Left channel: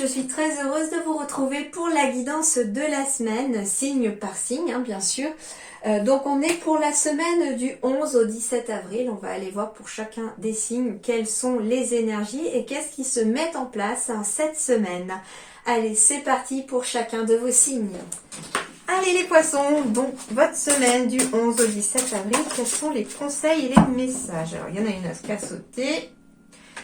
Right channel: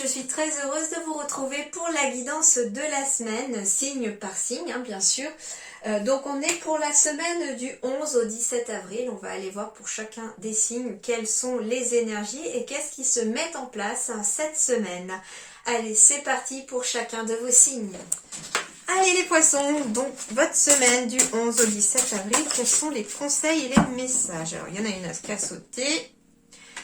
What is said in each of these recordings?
je suis très heureuse de vous retrouver pour la guidance de la semaine, signe par signe, hein, bien sûr. Donc on est pour la semaine du 11 au 17 avril, on va aller voir pour chacun des signes quelles sont les énergies et qu'est-ce qui se met en place cette semaine. Allez, c'est parti pour chacun de vos signes. Allez les poissons, donc votre semaine du 11 au 17 avril, quels sont les conseils et les messages? Alors il y en a une qui a sauté.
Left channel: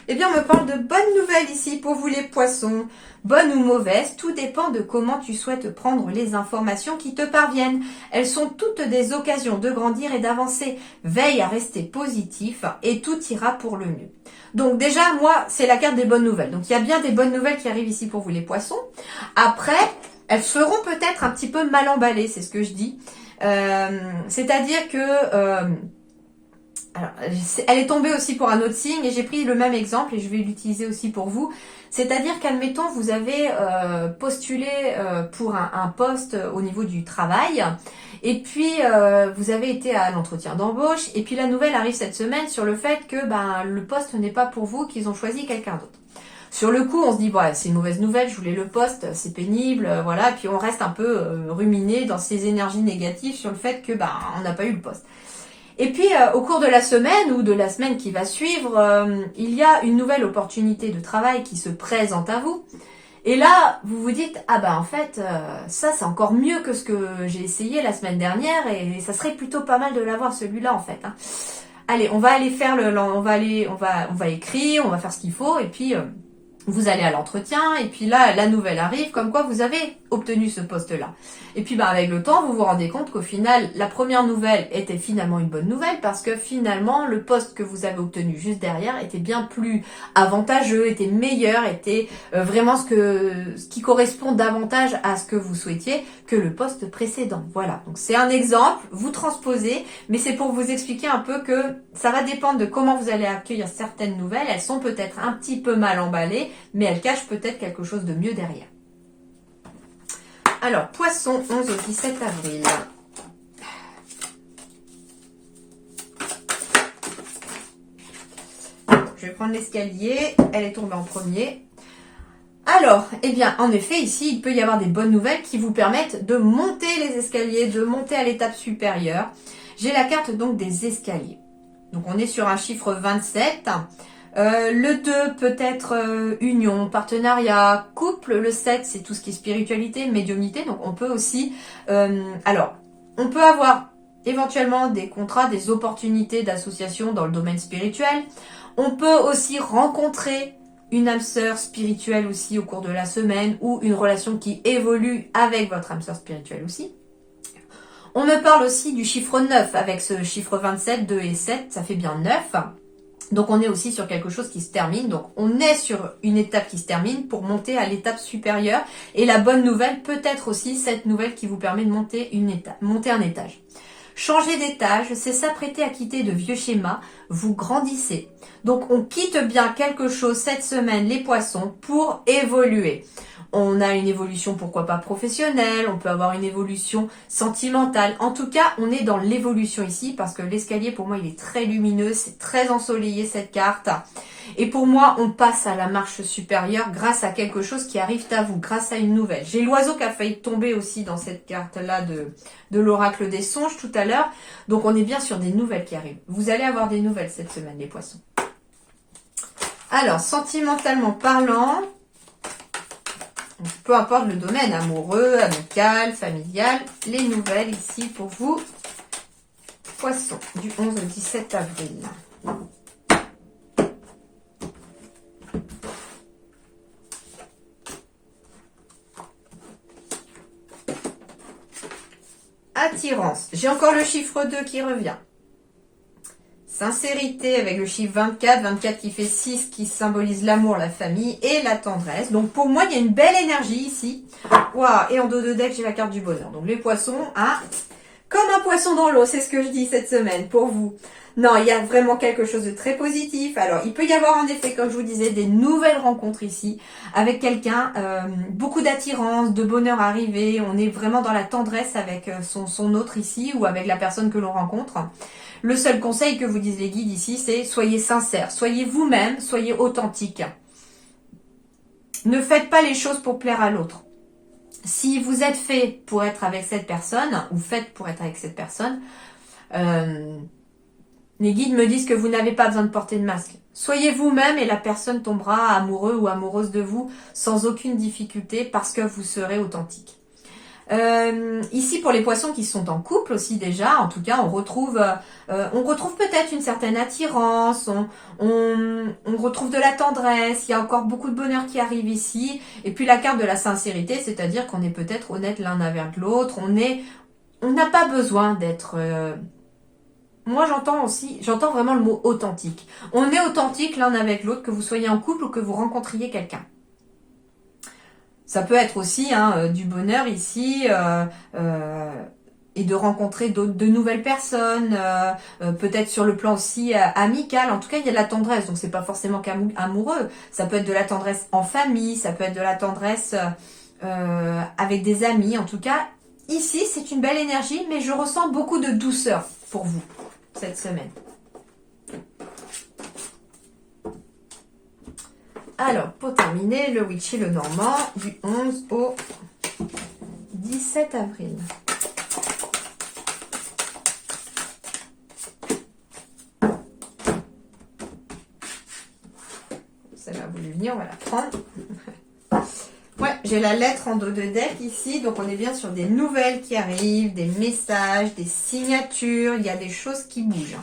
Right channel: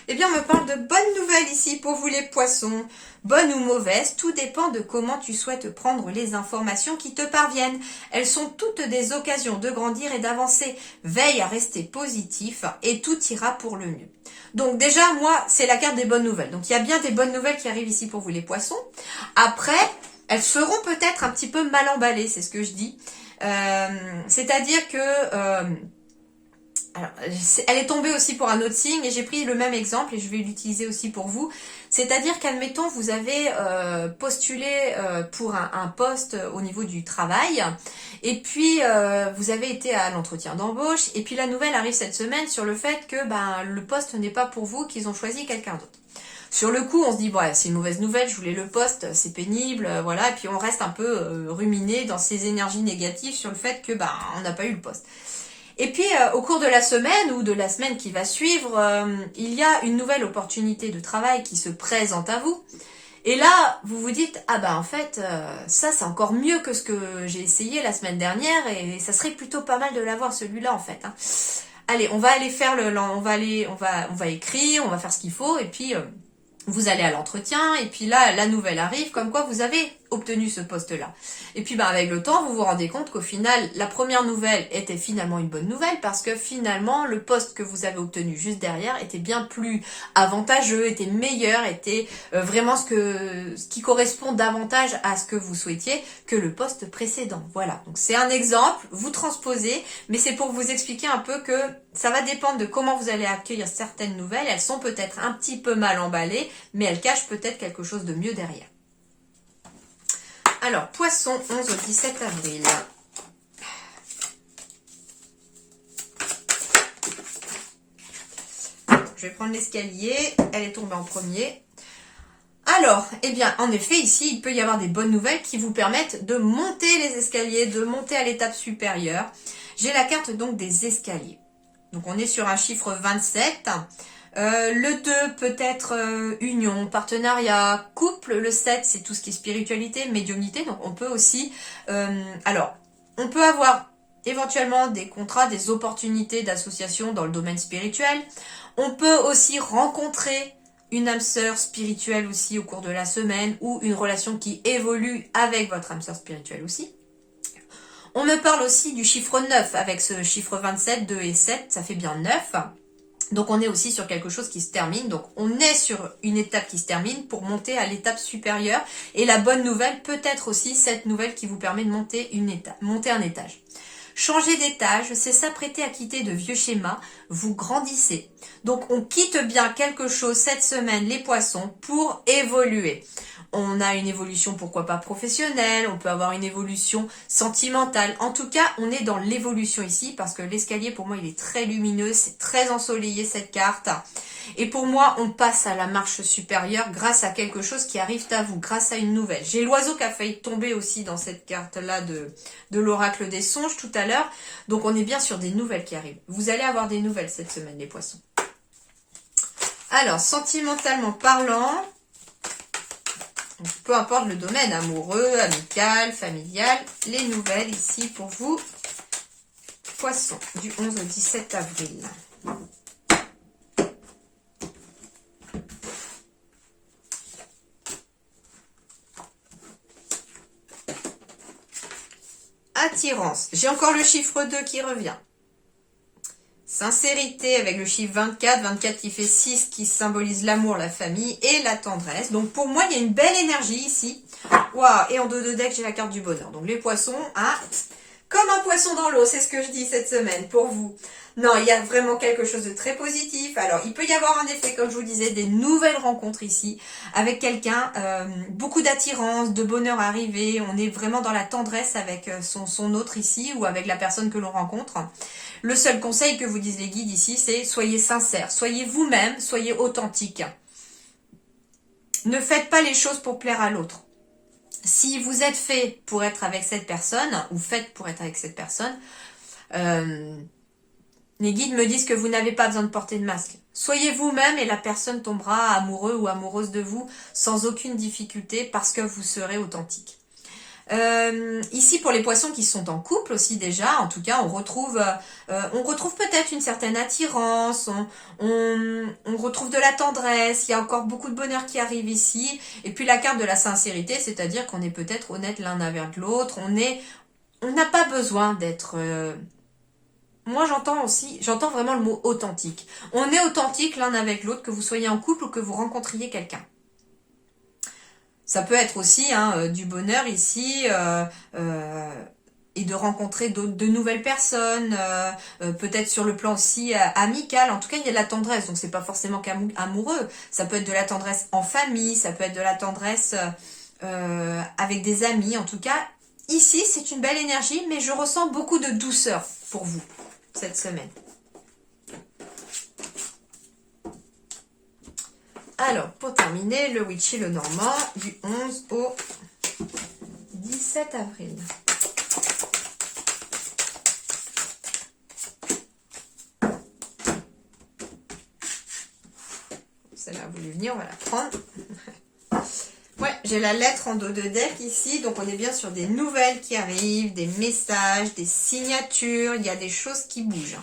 Eh bien, on me parle de bonnes nouvelles ici pour vous les poissons. Bonnes ou mauvaises, tout dépend de comment tu souhaites prendre les informations qui te parviennent. Elles sont toutes des occasions de grandir et d'avancer. Veille à rester positif et tout ira pour le mieux. Donc déjà, moi, c'est la carte des bonnes nouvelles. Donc il y a bien des bonnes nouvelles qui arrivent ici pour vous les poissons. Après, elles seront peut-être un petit peu mal emballées, c'est ce que je dis. C'est-à-dire que... Alors, elle est tombée aussi pour un autre signe et j'ai pris le même exemple et je vais l'utiliser aussi pour vous. C'est-à-dire qu'admettons, vous avez postulé pour un poste au niveau du travail et puis vous avez été à l'entretien d'embauche et puis la nouvelle arrive cette semaine sur le fait que le poste n'est pas pour vous, qu'ils ont choisi quelqu'un d'autre. Sur le coup, on se dit, bon, c'est une mauvaise nouvelle, je voulais le poste, c'est pénible, voilà. Et puis on reste un peu ruminé dans ces énergies négatives sur le fait que on n'a pas eu le poste. Et puis, au cours de la semaine ou de la semaine qui va suivre, il y a une nouvelle opportunité de travail qui se présente à vous. Et là, vous vous dites, en fait, ça c'est encore mieux que ce que j'ai essayé la semaine dernière et ça serait plutôt pas mal de l'avoir celui-là en fait. Hein. Allez, on va aller faire on va écrire, on va faire ce qu'il faut et puis vous allez à l'entretien et puis là, la nouvelle arrive comme quoi vous avez obtenu ce poste-là. Et puis avec le temps, vous vous rendez compte qu'au final, la première nouvelle était finalement une bonne nouvelle parce que finalement, le poste que vous avez obtenu juste derrière était bien plus avantageux, était meilleur, était vraiment ce qui correspond davantage à ce que vous souhaitiez que le poste précédent. Voilà, donc c'est un exemple, vous transposez, mais c'est pour vous expliquer un peu que ça va dépendre de comment vous allez accueillir certaines nouvelles. Elles sont peut-être un petit peu mal emballées, mais elles cachent peut-être quelque chose de mieux derrière. Alors, poisson, 11 au 17 avril. Je vais prendre l'escalier. Elle est tombée en premier. Alors, en effet, ici, il peut y avoir des bonnes nouvelles qui vous permettent de monter les escaliers, de monter à l'étape supérieure. J'ai la carte donc des escaliers. Donc, on est sur un chiffre 27. Le 2 peut être union, partenariat, couple. Le 7, c'est tout ce qui est spiritualité, médiumnité. Donc, on peut aussi... on peut avoir éventuellement des contrats, des opportunités d'association dans le domaine spirituel. On peut aussi rencontrer une âme sœur spirituelle aussi au cours de la semaine ou une relation qui évolue avec votre âme sœur spirituelle aussi. On me parle aussi du chiffre 9 avec ce chiffre 27, 2 et 7, ça fait bien 9. Donc on est aussi sur quelque chose qui se termine, donc on est sur une étape qui se termine pour monter à l'étape supérieure. Et la bonne nouvelle peut être aussi cette nouvelle qui vous permet de monter un étage. Changer d'étage, c'est s'apprêter à quitter de vieux schémas, vous grandissez. Donc on quitte bien quelque chose cette semaine, les poissons, pour évoluer. On a une évolution, pourquoi pas professionnelle, on peut avoir une évolution sentimentale. En tout cas, on est dans l'évolution ici parce que l'escalier, pour moi, il est très lumineux, c'est très ensoleillé cette carte. Et pour moi, on passe à la marche supérieure grâce à quelque chose qui arrive à vous, grâce à une nouvelle. J'ai l'oiseau qui a failli tomber aussi dans cette carte-là de l'oracle des songes tout à l'heure. Donc, on est bien sur des nouvelles qui arrivent. Vous allez avoir des nouvelles cette semaine, les poissons. Alors, sentimentalement parlant... peu importe le domaine, amoureux, amical, familial, les nouvelles ici pour vous, poissons, du 11 au 17 avril. Attirance, j'ai encore le chiffre 2 qui revient. Sincérité avec le chiffre 24, 24 qui fait 6, qui symbolise l'amour, la famille et la tendresse. Donc pour moi, il y a une belle énergie ici. Waouh, et en dos de deck, j'ai la carte du bonheur. Donc les poissons, comme un poisson dans l'eau, c'est ce que je dis cette semaine pour vous. Non, il y a vraiment quelque chose de très positif. Alors, il peut y avoir en effet, comme je vous disais, des nouvelles rencontres ici avec quelqu'un. Beaucoup d'attirance, de bonheur arrivé. On est vraiment dans la tendresse avec son autre ici ou avec la personne que l'on rencontre. Le seul conseil que vous disent les guides ici, c'est soyez sincères, soyez vous-même, soyez authentique. Ne faites pas les choses pour plaire à l'autre. Si vous êtes fait pour être avec cette personne, ou faites pour être avec cette personne, les guides me disent que vous n'avez pas besoin de porter de masque. Soyez vous-même et la personne tombera amoureux ou amoureuse de vous sans aucune difficulté parce que vous serez authentique. Ici, pour les poissons qui sont en couple aussi déjà, en tout cas, on retrouve peut-être une certaine attirance, on retrouve de la tendresse, il y a encore beaucoup de bonheur qui arrive ici. Et puis la carte de la sincérité, c'est-à-dire qu'on est peut-être honnête l'un avec l'autre, on n'a pas besoin d'être... Moi, j'entends vraiment le mot authentique. On est authentique l'un avec l'autre, que vous soyez en couple ou que vous rencontriez quelqu'un. Ça peut être aussi du bonheur ici et de rencontrer de nouvelles personnes, peut-être sur le plan aussi amical. En tout cas, il y a de la tendresse, donc c'est pas forcément qu'amoureux. Ça peut être de la tendresse en famille, ça peut être de la tendresse avec des amis. En tout cas, ici, c'est une belle énergie, mais je ressens beaucoup de douceur pour vous cette semaine. Alors, pour terminer, le Witchy le Normand du 11 au 17 avril. Celle-là a voulu venir, on va la prendre. Ouais, j'ai la lettre en dos de deck ici, donc on est bien sur des nouvelles qui arrivent, des messages, des signatures, il y a des choses qui bougent.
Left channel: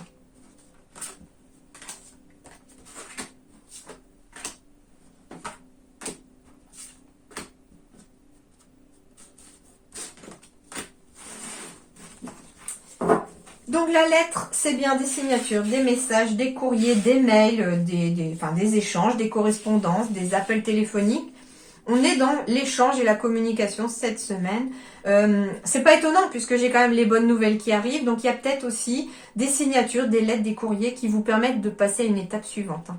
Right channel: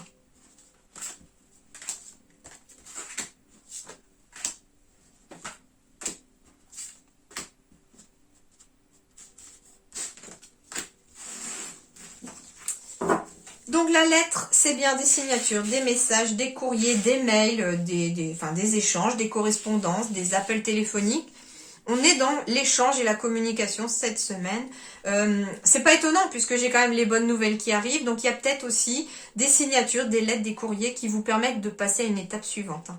Donc la lettre, c'est bien des signatures, des messages, des courriers, des mails, des échanges, des correspondances, des appels téléphoniques. On est dans l'échange et la communication cette semaine. C'est pas étonnant puisque j'ai quand même les bonnes nouvelles qui arrivent. Donc il y a peut-être aussi des signatures, des lettres, des courriers qui vous permettent de passer à une étape suivante.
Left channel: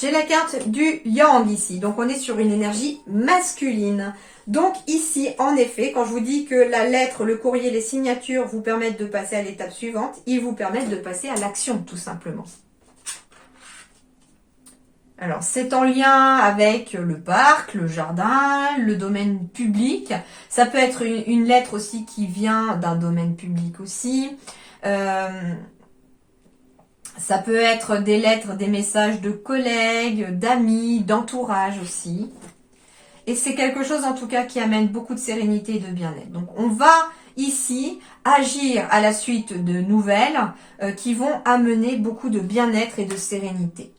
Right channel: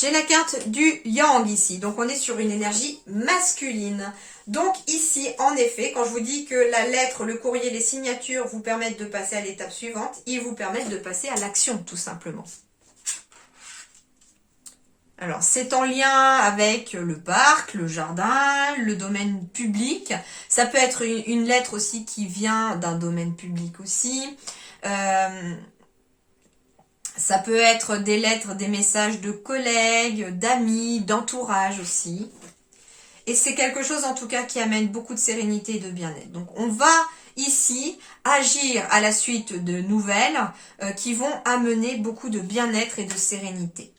J'ai la carte du Yang ici, donc on est sur une énergie masculine. Donc ici, en effet, quand je vous dis que la lettre, le courrier, les signatures vous permettent de passer à l'étape suivante, ils vous permettent de passer à l'action, tout simplement. Alors, c'est en lien avec le parc, le jardin, le domaine public. Ça peut être une lettre aussi qui vient d'un domaine public aussi. Ça peut être des lettres, des messages de collègues, d'amis, d'entourage aussi. Et c'est quelque chose en tout cas qui amène beaucoup de sérénité et de bien-être. Donc on va ici agir à la suite de nouvelles qui vont amener beaucoup de bien-être et de sérénité.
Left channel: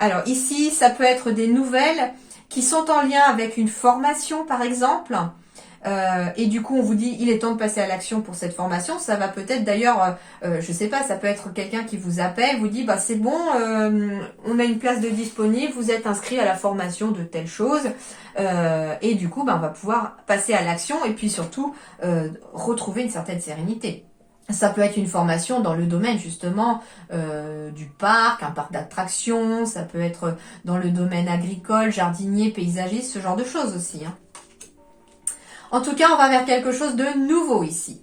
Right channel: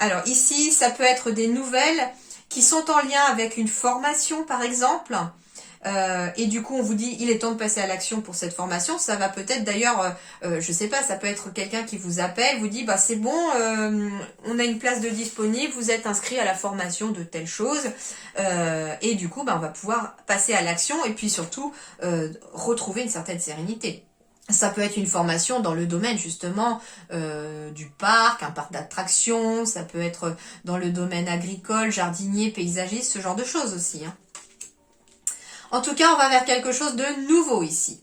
Alors ici, ça peut être des nouvelles qui sont en lien avec une formation par exemple. Et du coup, on vous dit, il est temps de passer à l'action pour cette formation. Ça va peut-être d'ailleurs, je sais pas, ça peut être quelqu'un qui vous appelle, vous dit, bah c'est bon, on a une place de disponible, vous êtes inscrit à la formation de telle chose. Et du coup, bah, on va pouvoir passer à l'action et puis surtout retrouver une certaine sérénité. Ça peut être une formation dans le domaine justement du parc, un parc d'attractions, ça peut être dans le domaine agricole, jardinier, paysagiste, ce genre de choses aussi. En tout cas, on va vers quelque chose de nouveau ici.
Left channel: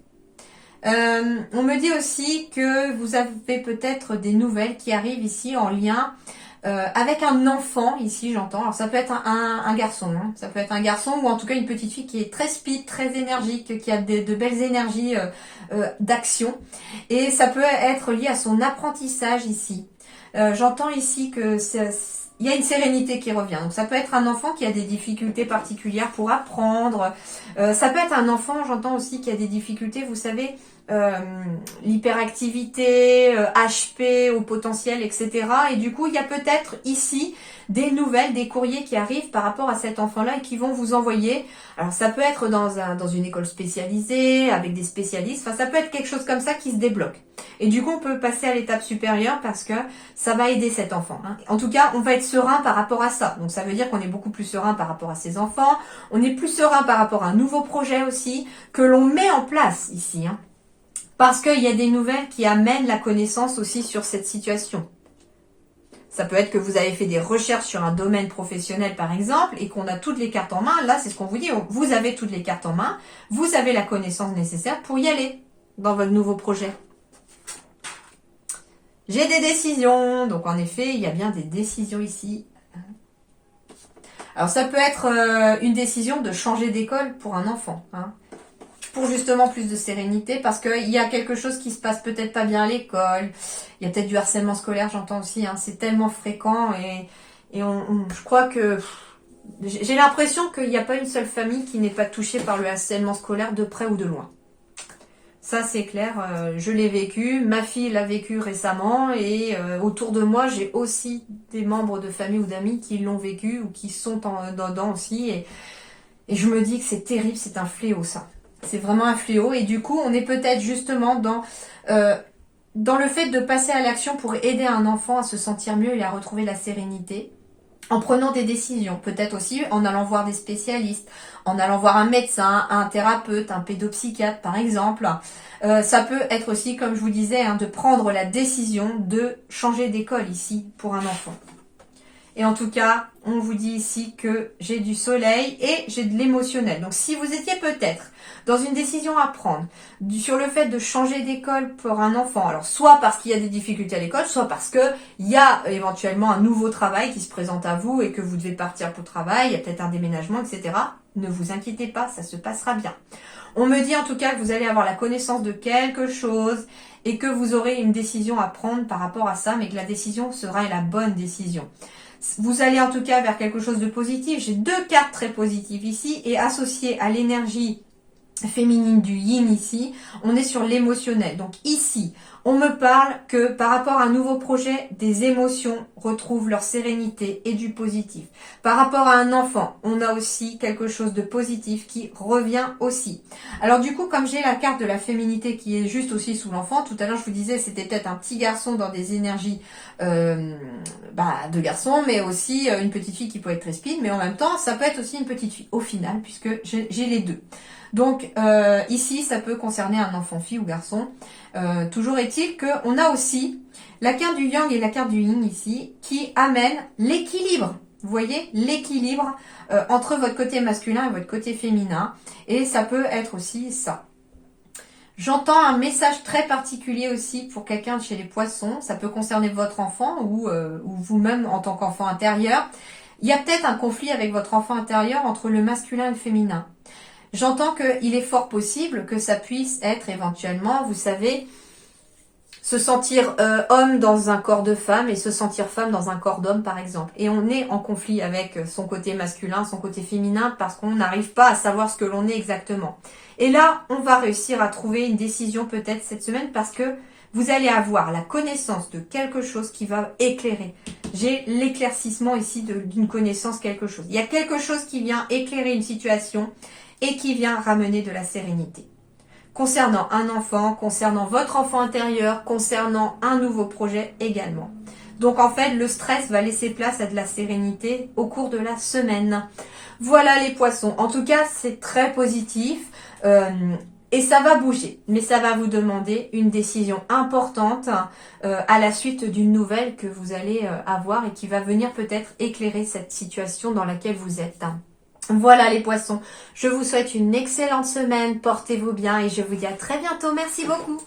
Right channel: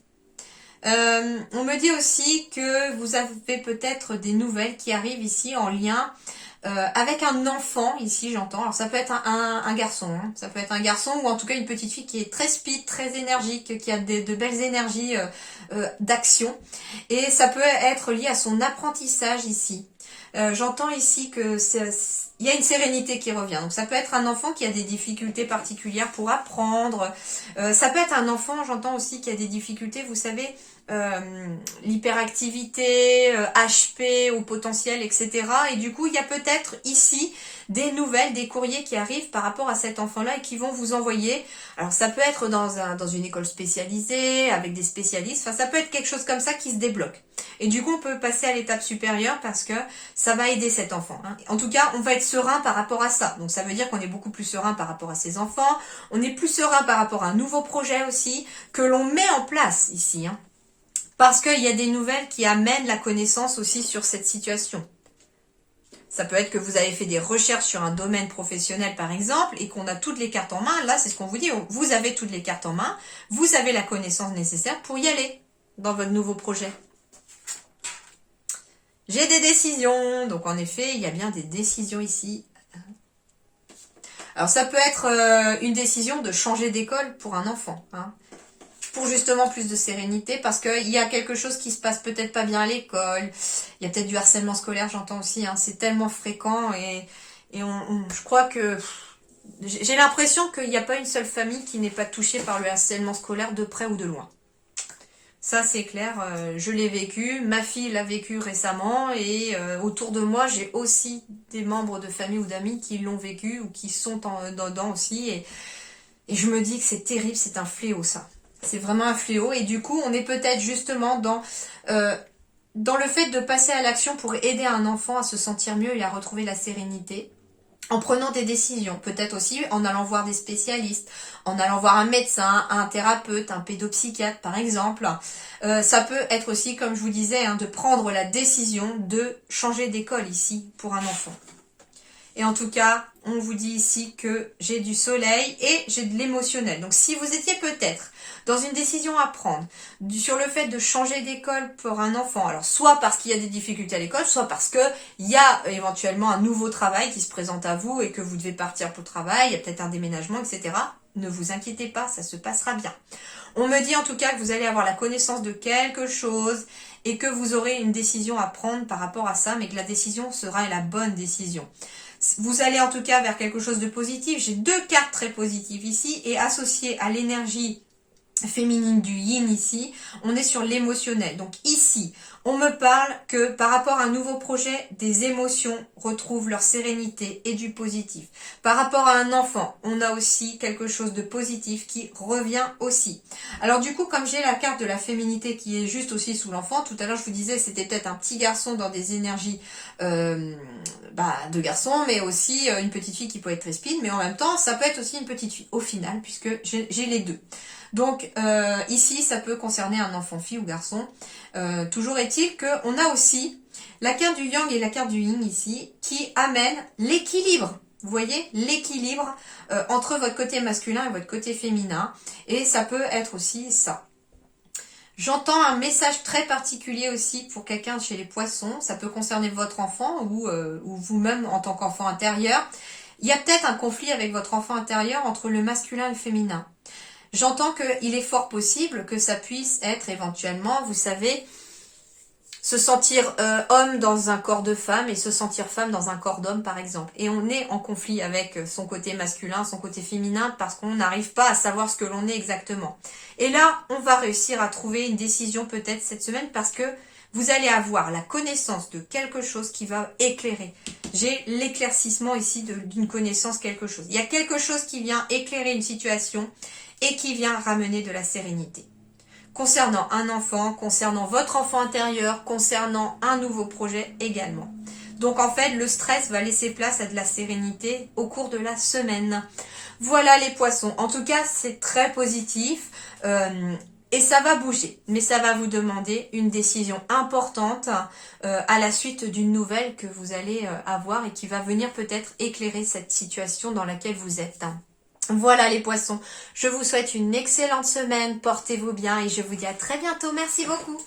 On me dit aussi que vous avez peut-être des nouvelles qui arrivent ici en lien avec un enfant, ici j'entends. Alors ça peut être un garçon, ça peut être un garçon ou en tout cas une petite fille qui est très speed, très énergique, qui a de belles énergies d'action. Et ça peut être lié à son apprentissage ici. J'entends ici que il y a une sérénité qui revient. Donc ça peut être un enfant qui a des difficultés particulières pour apprendre. Ça peut être un enfant, j'entends aussi, qui a des difficultés, vous savez, l'hyperactivité, HP au potentiel, etc. Et du coup, il y a peut-être ici des nouvelles, des courriers qui arrivent par rapport à cet enfant-là et qui vont vous envoyer. Alors ça peut être dans une école spécialisée, avec des spécialistes, enfin ça peut être quelque chose comme ça qui se débloque. Et du coup on peut passer à l'étape supérieure parce que ça va aider cet enfant. En tout cas on va être serein par rapport à ça. Donc ça veut dire qu'on est beaucoup plus serein par rapport à ses enfants, on est plus serein par rapport à un nouveau projet aussi que l'on met en place ici. Parce qu'il y a des nouvelles qui amènent la connaissance aussi sur cette situation. Ça peut être que vous avez fait des recherches sur un domaine professionnel par exemple et qu'on a toutes les cartes en main. Là, c'est ce qu'on vous dit. Vous avez toutes les cartes en main. Vous avez la connaissance nécessaire pour y aller dans votre nouveau projet. J'ai des décisions. Donc en effet, il y a bien des décisions ici. Alors ça peut être une décision de changer d'école pour un enfant, hein, pour justement plus de sérénité, parce qu'il y a quelque chose qui se passe peut-être pas bien à l'école, il y a peut-être du harcèlement scolaire, j'entends aussi, hein, c'est tellement fréquent, et je crois que j'ai l'impression qu'il n'y a pas une seule famille qui n'est pas touchée par le harcèlement scolaire de près ou de loin. Ça c'est clair, je l'ai vécu, ma fille l'a vécu récemment et autour de moi j'ai aussi des membres de famille ou d'amis qui l'ont vécu ou qui sont dedans aussi et je me dis que c'est terrible, c'est un fléau ça. C'est vraiment un fléau et du coup on est peut-être justement dans le fait de passer à l'action pour aider un enfant à se sentir mieux et à retrouver la sérénité. En prenant des décisions, peut-être aussi en allant voir des spécialistes, en allant voir un médecin, un thérapeute, un pédopsychiatre par exemple. Ça peut être aussi, comme je vous disais, hein, de prendre la décision de changer d'école ici pour un enfant. Et en tout cas, on vous dit ici que j'ai du soleil et j'ai de l'émotionnel. Donc si vous étiez peut-être dans une décision à prendre sur le fait de changer d'école pour un enfant, alors soit parce qu'il y a des difficultés à l'école, soit parce qu'il y a éventuellement un nouveau travail qui se présente à vous et que vous devez partir pour le travail, il y a peut-être un déménagement, etc. Ne vous inquiétez pas, ça se passera bien. On me dit en tout cas que vous allez avoir la connaissance de quelque chose et que vous aurez une décision à prendre par rapport à ça, mais que la décision sera la bonne décision. Vous allez en tout cas vers quelque chose de positif. J'ai 2 cartes très positives ici et associées à l'énergie féminine du yin ici, on est sur l'émotionnel. Donc ici, on me parle que par rapport à un nouveau projet, des émotions retrouvent leur sérénité et du positif. Par rapport à un enfant, on a aussi quelque chose de positif qui revient aussi. Alors du coup, comme j'ai la carte de la féminité qui est juste aussi sous l'enfant, tout à l'heure je vous disais c'était peut-être un petit garçon dans des énergies de garçon, mais aussi une petite fille qui peut être très speed, mais en même temps ça peut être aussi une petite fille au final, puisque j'ai les deux. Donc ici, ça peut concerner un enfant, fille ou garçon. Toujours est-il qu'on a aussi la carte du yang et la carte du yin ici qui amènent l'équilibre. Vous voyez, l'équilibre entre votre côté masculin et votre côté féminin. Et ça peut être aussi ça. J'entends un message très particulier aussi pour quelqu'un chez les poissons. Ça peut concerner votre enfant ou vous-même en tant qu'enfant intérieur. Il y a peut-être un conflit avec votre enfant intérieur entre le masculin et le féminin. J'entends qu'il est fort possible que ça puisse être éventuellement, vous savez, se sentir homme dans un corps de femme et se sentir femme dans un corps d'homme par exemple. Et on est en conflit avec son côté masculin, son côté féminin parce qu'on n'arrive pas à savoir ce que l'on est exactement. Et là, on va réussir à trouver une décision peut-être cette semaine parce que vous allez avoir la connaissance de quelque chose qui va éclairer. J'ai l'éclaircissement ici d'une connaissance quelque chose. Il y a quelque chose qui vient éclairer une situation et qui vient ramener de la sérénité. Concernant un enfant, concernant votre enfant intérieur, concernant un nouveau projet également. Donc en fait, le stress va laisser place à de la sérénité au cours de la semaine. Voilà les poissons. En tout cas, c'est très positif et ça va bouger. Mais ça va vous demander une décision importante à la suite d'une nouvelle que vous allez avoir et qui va venir peut-être éclairer cette situation dans laquelle vous êtes. Voilà les poissons, je vous souhaite une excellente semaine, portez-vous bien et je vous dis à très bientôt. Merci beaucoup.